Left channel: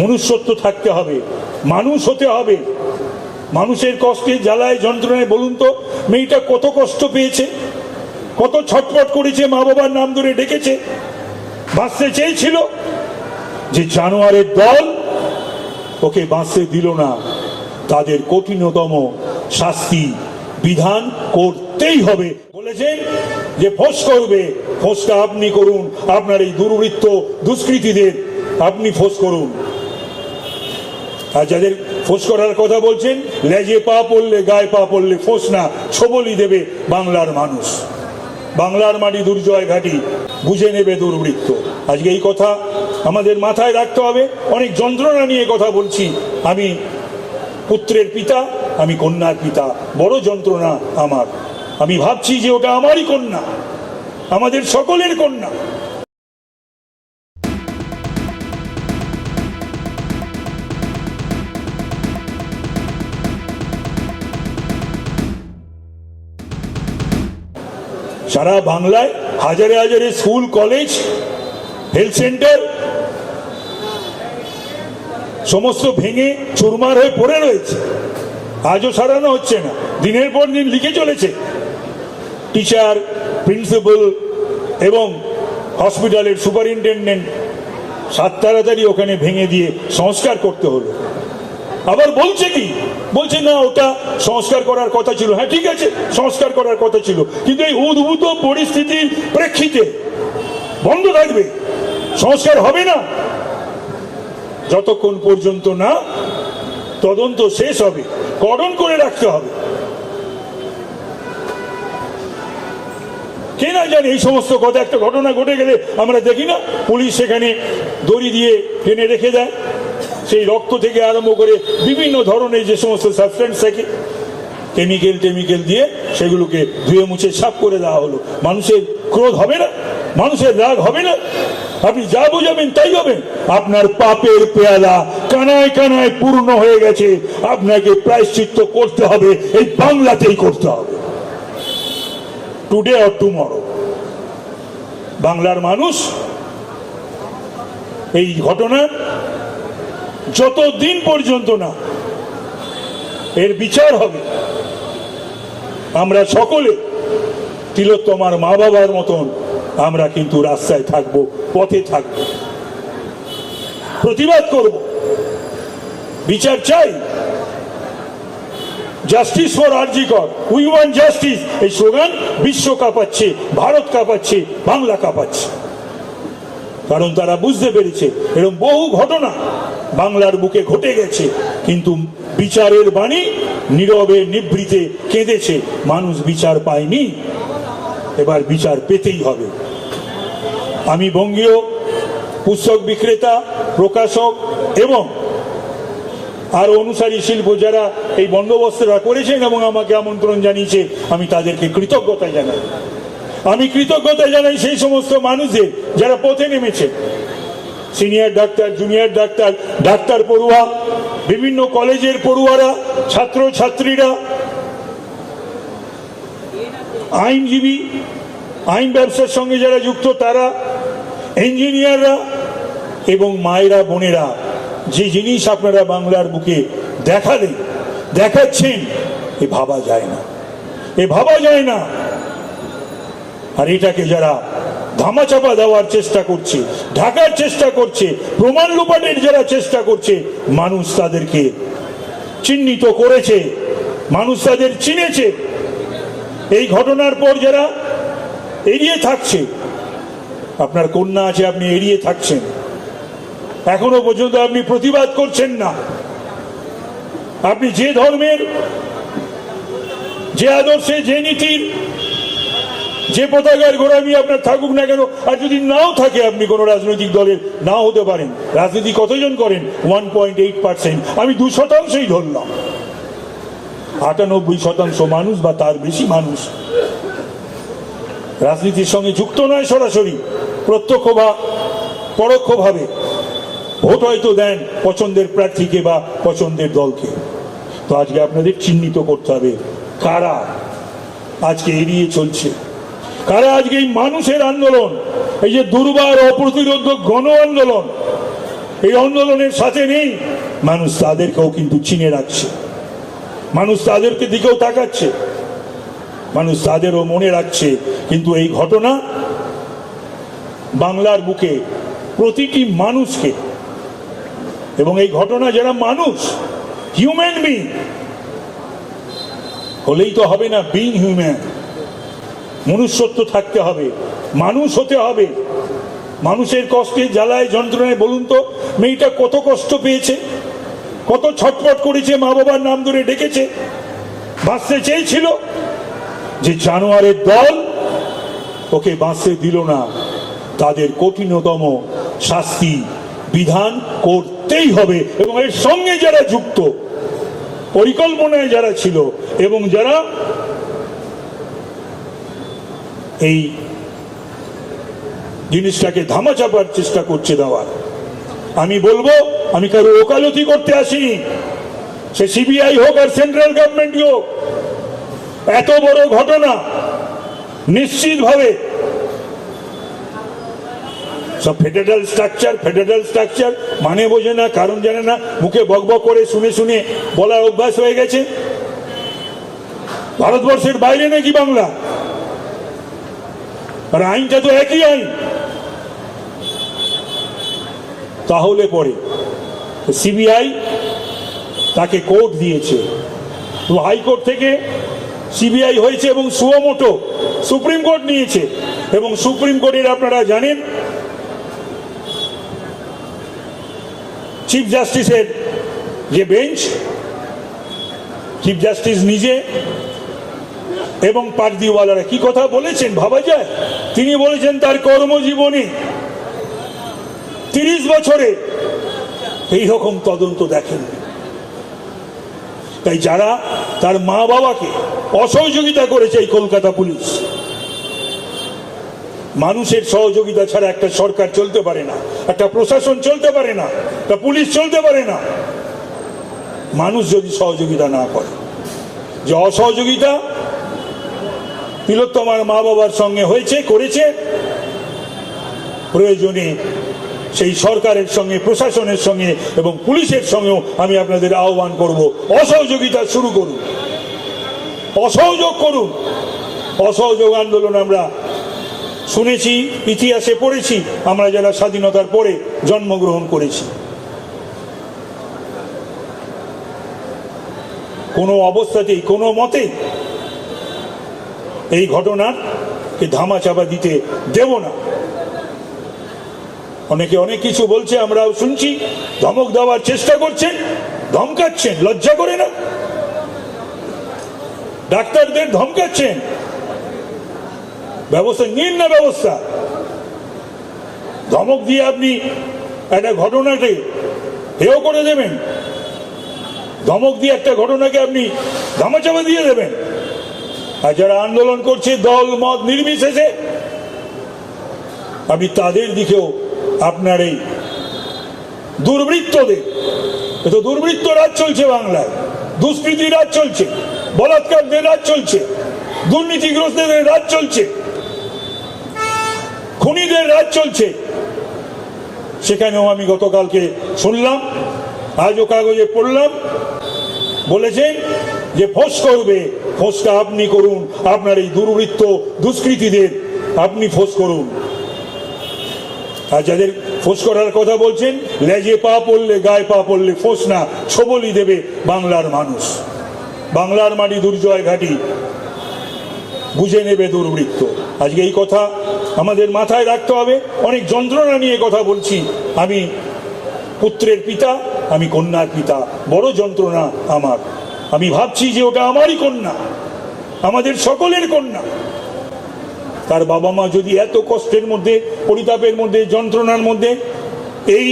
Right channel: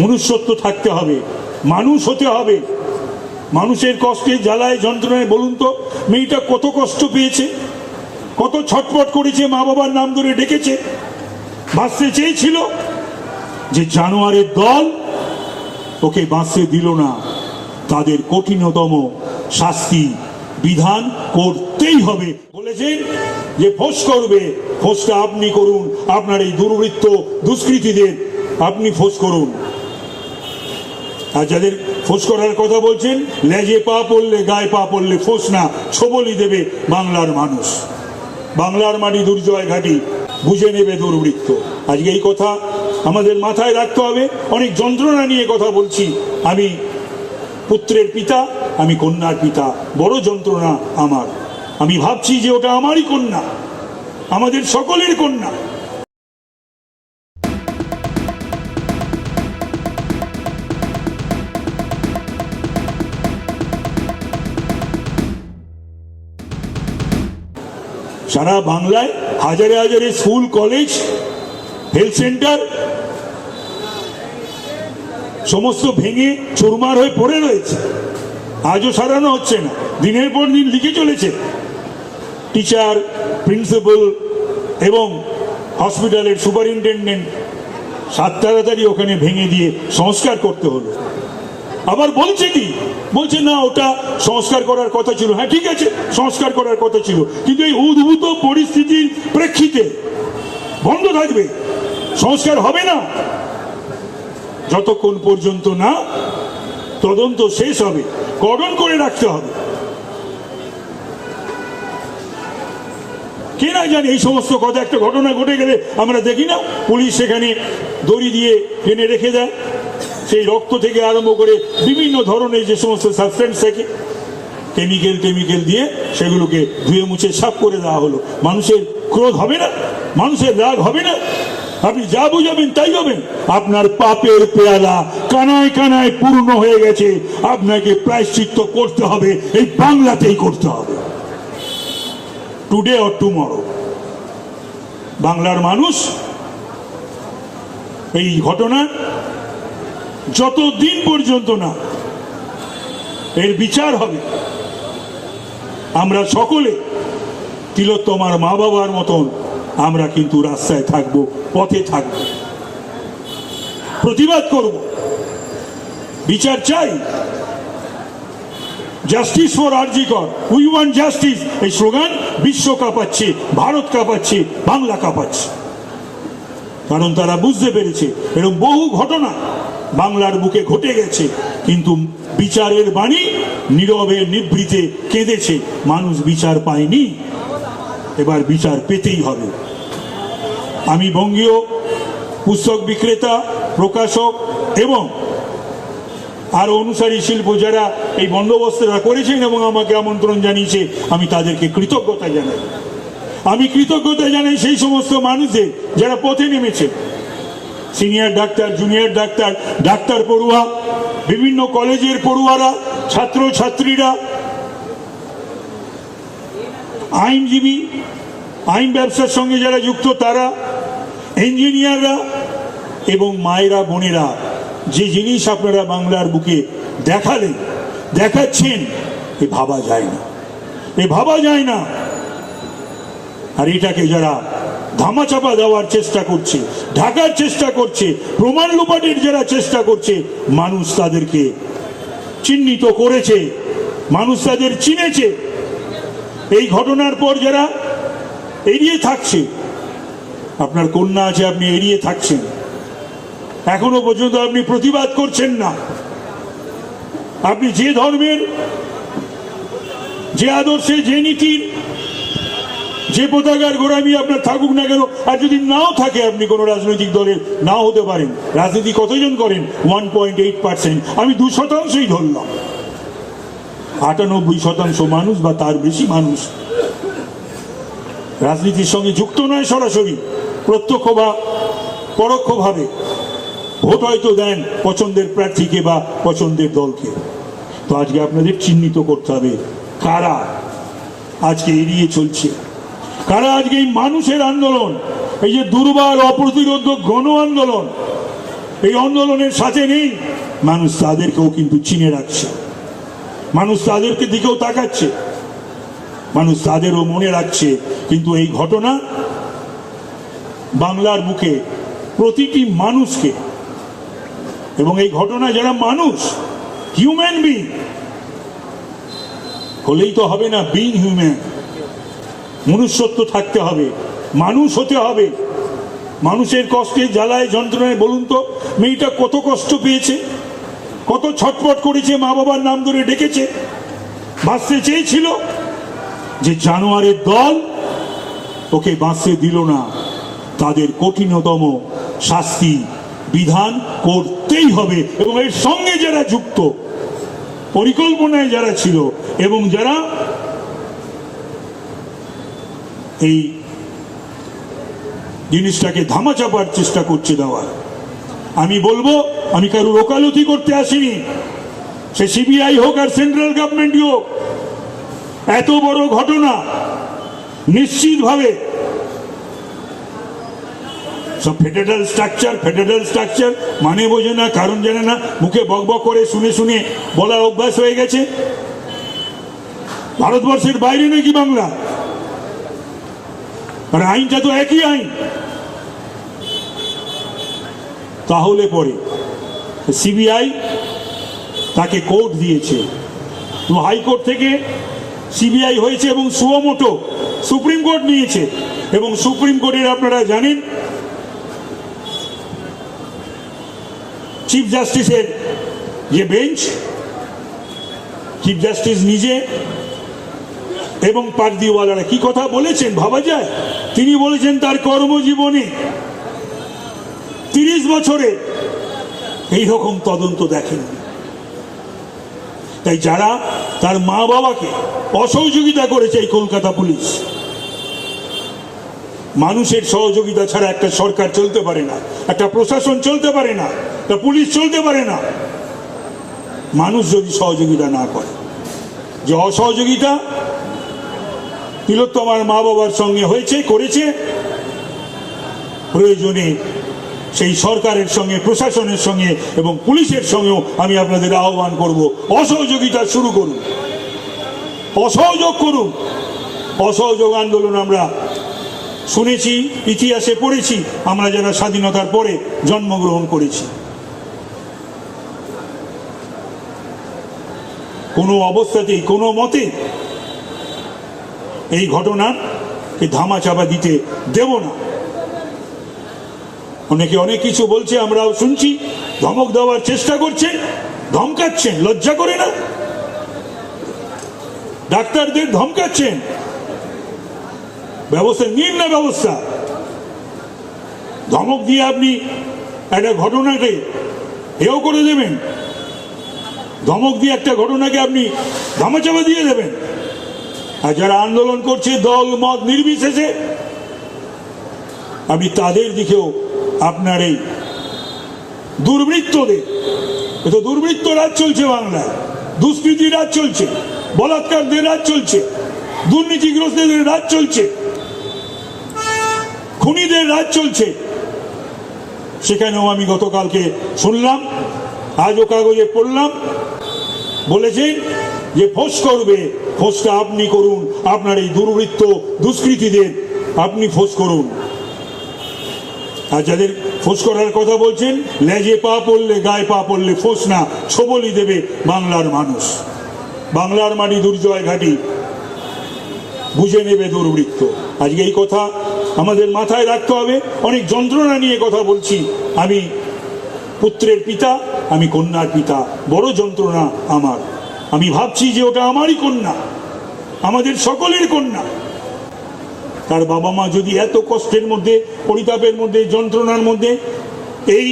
মনুষ্যত্ব থাকতে হবে, মানুষ হতে হবে। মানুষের কষ্টে জ্বালায় যন্ত্রণায় বলুন তো, মেয়েটা কত কষ্ট পেয়েছে, কত ছটপট করেছে, মা বাবার নাম ধরে ডেকেছে, বাঁচতে চেয়েছিল যে জানোয়ারের দল ওকে বাঁচতে দিল না। তাদের কঠিনতম শাস্তি বিধান করতেই হবে। বলেছেন যে ফোস করবে, ফোসটা আপনি করুন, আপনার এই দুর্বৃত্ত দুষ্কৃতীদের আপনি ফোস করুন। আর যাদের ফোস করার কথা বলছেন? লেজে পা পড়লে, গায়ে পা পড়লে ফোস না ছবলি দেবে বাংলার মানুষ। বাংলার মাটি দুর্জয় ঘাটি, বুঝে নেবে দুর্বৃত্ত। আজকে এই কথা আমাদের মাথায় রাখতে হবে। অনেক যন্ত্রণা নিয়ে কথা বলছি। আমি পুত্রের পিতা, আমি কন্যার পিতা। বড় যন্ত্রণা আমার। আমি ভাবছি যে ওটা আমারই কন্যা। আমাদের সকলের কন্যা। সারা বাংলায় হাজারে হাজারে স্কুল, কলেজ হেলথ সেন্টার সমস্ত ভেঙে চুরমার হয়ে পড়ে রয়েছে। আজও সারানো হচ্ছে না। দিনের পর দিন লিখে চলেছে। টিচার, প্রিন্সিপাল এবং হসপিটালের সুপারিনটেন্ডেন্ট সাত তাড়াতাড়ি ওখানে ভেঙে দিয়ে সংস্কার করতে হলো। আবার বলছে কি? বলছে, না, ওটা সংস্কার করার কথা ছিল। হ্যাঁ ঠিক আছে, সংস্কার করার কথা ছিল। কিন্তু এই উদ্ভূত পরিস্থিতির প্রেক্ষিতে বন্ধ থাকবে। সংস্কার হবে না। যতক্ষণ পর্যন্ত না তদন্ত শেষ হবে কর্ডন করে রাখতে হবে। কে না জানে, এই সমস্ত কথা, একটা ঘটনা ঘটে গেলে আমরা দেখি না। পুলিশ সেখানে দড়ি দিয়ে টেনে রেখে দেয়। সেই রক্ত থেকে আরম্ভ করে বিভিন্ন ধরনের যে সমস্ত সাবস্টেন্স থাকে কেমিক্যাল টেমিক্যাল দিয়ে সেগুলোকে ধুয়ে মুছে সাফ করে দেওয়া হলো। মানুষের ক্রোধ হবে না? মানুষের রাগ হবে না? আপনি যা বুঝাবেন তাই হবেন আপনার পাপের পেয়ালা কানায় কানায় পূর্ণ হয়ে গেছে। আপনাকে প্রায়শ্চিত্ত করতে হবে, এই বাংলাতেই করতে হবে। টুডে অর টুমরো বাংলার মানুষ এই ঘটনার যতদিন পর্যন্ত না, এর বিচার হবে। আমরা সকলে তিলোত্তমার মা বাবার মতন আমরা কিন্তু রাস্তায় থাকব, পথে থাকব। প্রতিবাদ করব। বিচার চাই। Justice for RG Kar we want justice এই স্লোগান বিশ্ব কাঁপাচ্ছে, ভারত কাঁপাচ্ছে, বাংলা কাঁপাচ্ছে। কারণ তারা বুঝতে পেরেছে এরকম বহু ঘটনা বাংলার বুকে ঘটে গেছে, কিন্তু বিচারের বাণী নীরবে নিভৃতে কেঁদেছে। মানুষ বিচার পায়নি, এবার বিচার পেতেই হবে। আমি বঙ্গীয় পুস্তক বিক্রেতা, প্রকাশক এবং আর অনুসারী শিল্প যারা এই বন্দোবস্তরা করেছেন এবং আমাকে আমন্ত্রণ জানিয়েছে, আমি তাদেরকে কৃতজ্ঞতা জানাই। আমি কৃতজ্ঞতা জানাই সেই সমস্ত মানুষদের যারা পথে নেমেছে। Senior doctor, junior doctor doctor পড়ুয়া, বিভিন্ন কলেজের পড়ুয়ারা ছাত্র ছাত্রীরা আইনজীবী, আইন ব্যবসার সঙ্গে যারা যুক্ত তারা, ইঞ্জিনিয়াররা এবং মায়েরা, বোনেরা, যে জিনিস আপনারা বাংলার বুকে দেখালেন, দেখাচ্ছেন, এ ভাবা যায় না। এ ভাবা যায় না। আর এটাকে যারা ধামাচাপা দেওয়ার চেষ্টা করছে, ঢাকার চেষ্টা করছে, প্রমাণ লোপাটের যারা চেষ্টা করছে, মানুষ তাদেরকে চিহ্নিত করেছে, মানুষ তাদের চিনেছে। এই ঘটনার পর যারা এড়িয়ে থাকছে, আপনার কন্যা আছে, আপনি এড়িয়ে থাকছেন। এখনও পর্যন্ত আপনি প্রতিবাদ করছেন না। আপনি যে ধর্মের, যে আদর্শে, যে নীতির যে পতাকার গোড়ামি আপনার থাকুক না কেন, আর যদি নাও থাকে আপনি কোনো রাজনৈতিক দলের না হতে পারেন। রাজনীতি কতজন করেন? ওয়ান পয়েন্ট এইট পার্সেন্ট আমি দু শতাংশই ধরলাম। আটানব্বই শতাংশ মানুষ বা তার বেশি মানুষ। রাজনীতির সঙ্গে যুক্ত নয় সরাসরি, প্রত্যক্ষ বা পরোক্ষভাবে। ভোট হয়তো দেন পছন্দের প্রার্থীকে বা পছন্দের দলকে। তো আজকে আপনাদের চিহ্নিত করতে হবে কারা? আজকে এড়িয়ে চলছে। কারা আজকে এই মানুষের আন্দোলন, এই যে দুর্বার অপ্রতিরোধ গণ আন্দোলন, এই আন্দোলনের সাথে নেই, মানুষ তাদেরকেও কিন্তু চিনে রাখছে। মানুষ তাদেরকে দিকেও তাকাচ্ছে। মানুষ তাদেরও মনে রাখছে, কিন্তু এই ঘটনা বাংলার বুকে প্রতিটি মানুষকে, এবং এই ঘটনা যারা মানুষ হিউম্যান বিং হলেই তো হবে না বিং হিউম্যান মনুষ্যত্ব থাকতে হবে, মানুষ হতে হবে। মানুষের কষ্টে জ্বালায় যন্ত্রণায় বলুন তো, মেয়েটা কত কষ্ট পেয়েছে, কত ছটপট করেছে, মা বাবার নাম ধরে ডেকেছে, বাঁচতে চেয়েছিল যে জানোয়ারের দল ওকে বাঁচতে দিল না। তাদের কঠিনতম শাস্তি বিধান করতেই হবে এবং এর সঙ্গে যারা যুক্ত, পরিকল্পনায় যারা ছিল এবং যারা এই জিনিসটাকে ধামাচাপার চেষ্টা করছে দেওয়ার আমি বলব, আমি কারোর ওকালতি করতে আসিনি। সে সিবিআই হোক আর সেন্ট্রাল গভর্নমেন্ট হোক, এত বড় ঘটনা নিশ্চিতভাবে সব ফেডারেল স্ট্রাকচার ফেডারেল স্ট্রাকচার মানে বোঝে না, কারণ জানে না, মুখে বকবক করে শুনে শুনে বলা অভ্যাস হয়ে গেছে। ভারতবর্ষের বাইরে নাকি বাংলা? আর আইনটা তো একই আইন। তাহলে পরে সিবিআই তাকে কোর্ট দিয়েছে। হাইকোর্ট থেকে সিবিআই হয়েছে এবং সুয়মোটো সুপ্রিম কোর্ট নিয়েছে। এবং সুপ্রিম কোর্টের আপনারা জানেন চিফ জাস্টিসের যে বেঞ্চ চিফ জাস্টিস নিজে এবং পারদিওয়ালারা কি কথা বলেছেন ভাবা যায়? তিনি বলেছেন তার কর্মজীবনে তিরিশ বছরে এই রকম তদন্ত দেখেন। তাই যারা তার মা বাবাকে অসহযোগিতা করেছে এই কলকাতা পুলিশ, মানুষের সহযোগিতা ছাড়া একটা সরকার চলতে পারে না, একটা প্রশাসন চলতে পারে না, একটা পুলিশ চলতে পারে না। মানুষ যদি সহযোগিতা না করে, যে অসহযোগিতা তিলোত্তমার মা বাবার সঙ্গে হয়েছে, করেছে। প্রয়োজনে সেই সরকারের সঙ্গে, প্রশাসনের সঙ্গে এবং পুলিশের সঙ্গেও আমি আপনাদের আহ্বান করব। অসহযোগিতা শুরু করুন। অসহযোগ করুন। অসহযোগ আন্দোলন আমরা শুনেছি, ইতিহাসে পড়েছি, আমরা যারা স্বাধীনতার পরে জন্মগ্রহণ করেছি। কোনো অবস্থাতেই, কোনো মতে এই ঘটনাকে ধামাচাপা দিতে দেব না। অনেকে অনেক কিছু বলছে, আমরাও শুনছি, ধমক দেওয়ার চেষ্টা করছেন, ধমকাচ্ছেন, লজ্জা করে না। ডাক্তারদের ধমকাচ্ছেন। ব্যবস্থা, নিন না ব্যবস্থা। ধমক দিয়ে আপনি একটা ঘটনাকে হেও করে দেবেন। ধমক দিয়ে একটা ঘটনাকে আপনি ধামাচাপা দিয়ে দেবেন। আর যারা আন্দোলন করছে, দল, মত নির্বিশেষে, আমি তাদের দিকেও আপনার এই দুর্বৃত্তদের, এ তো দুর্বৃত্ত রাজ চলছে বাংলায়, দুষ্কৃতি রাজ চলছে, বলাৎকারদের রাজ চলছে, দুর্নীতিগ্রস্তদের রাজ চলছে, খুনিদের রাজ চলছে। সেখানেও আমি গতকালকে শুনলাম, আজও কাগজে পড়লাম বলেছেন যে ফোঁস করবে ফোঁসটা আপনি করুন। আপনার এই দুর্বৃত্ত দুষ্কৃতীদের আপনি ফোঁস করুন। আর যাদের ফোঁস করার কথা বলছেন, লেজে পা পড়লে, গায়ে পা পড়লে ফোঁস না, ছবলি দেবে বাংলার মানুষ। বাংলার মাটি দুর্জয় ঘাটি। বুঝে নেবে দুর্বৃত্ত। আজকে এই কথা আমাদের মাথায় রাখতে হবে। অনেক যন্ত্রণা নিয়ে কথা বলছি। আমি পুত্রের পিতা, আমি কন্যার পিতা। বড় যন্ত্রণা আমার। আমি ভাবছি যে ওটা আমারই কন্যা, আমাদের সকলের কন্যা। তার বাবা মা যদি এত কষ্টের মধ্যে, পরিতাপের মধ্যে, যন্ত্রণার মধ্যে, এই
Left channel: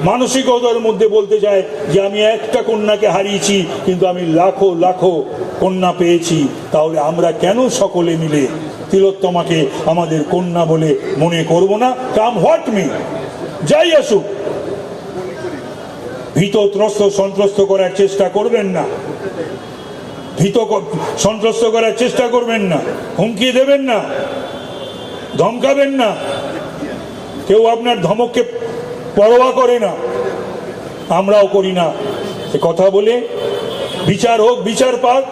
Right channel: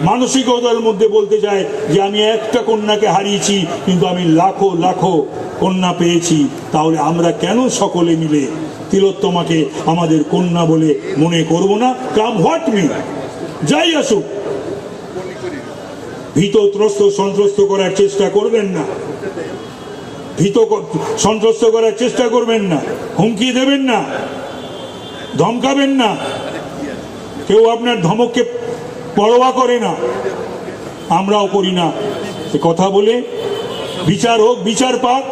মানসিকতার মধ্যে বলতে চায় যে আমি একটা কন্যাকে হারিয়েছি, কিন্তু আমি লাখো লাখো কন্যা পেয়েছি, তাহলে আমরা কেন সকলে মিলে তিলোত্তমাকে আমাদের কন্যা বলে মনে করব না? Come what may? যাই আসুক। ভীত ত্রস্ত সন্ত্রস্ত করার চেষ্টা করবেন না। ভীত সন্ত্রস্ত করার চেষ্টা করবেন না। হুমকি দেবেন না। ধমকাবেন না। কেউ আপনার ধমককে পরোয়া করে না। আমরাও করি না। এ কথা বলে বিচার হোক, বিচার পাক।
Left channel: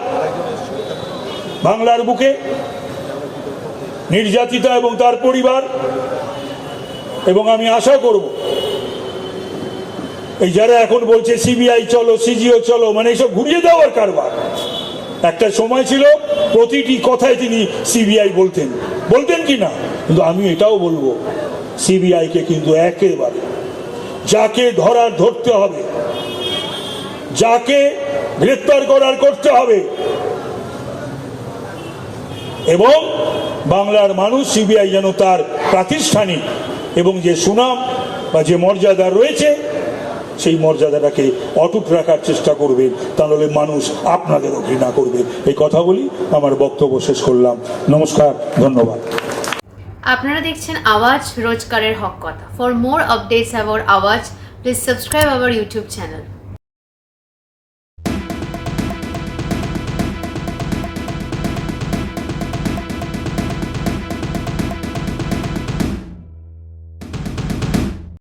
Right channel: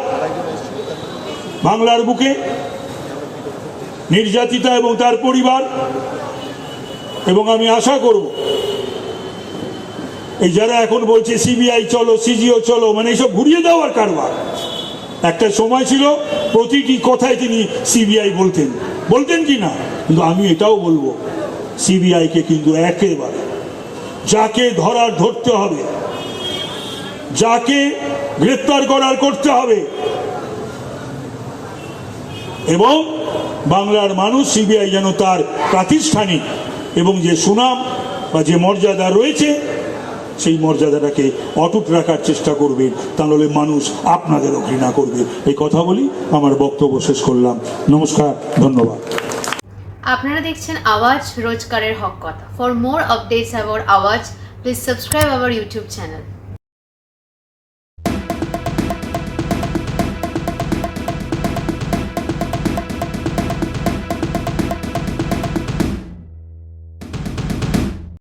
বাংলার বুকে নির্যাতিতা এবং তার পরিবার। এবং আমি আশা করব এই যারা এখন বলছে সিবিআই চলো, সিজিও চলো মানে এইসব ঘুরিয়ে দেওয়ার কারবার। একটা সময় ছিল প্রতিটি কথায় তিনি সিবিআই বলতেন। বলতেন কি না? কিন্তু আমি এটাও বলব, সিবিআইকে কিন্তু একেবারে যাকে ধরার ধরতে হবে, যাকে গ্রেপ্তার করার করতে হবে, এবং বাংলার মানুষ সিবিআই যেন তার প্রাতিষ্ঠানিক এবং যে সুনাম বা যে মর্যাদা রয়েছে সেই মর্যাদাটাকে অটুট রাখার চেষ্টা করবে, তাহলে মানুষ আপনাদেরও ঘৃণা করবে। এই কথা বলি আমার বক্তব্য শেষ করলাম। নমস্কার, ধন্যবাদ। আপনারা দেখছেন আওয়াজ রোজগারের হক কথা। For more updates about Awaaz please subscribe our YouTube channel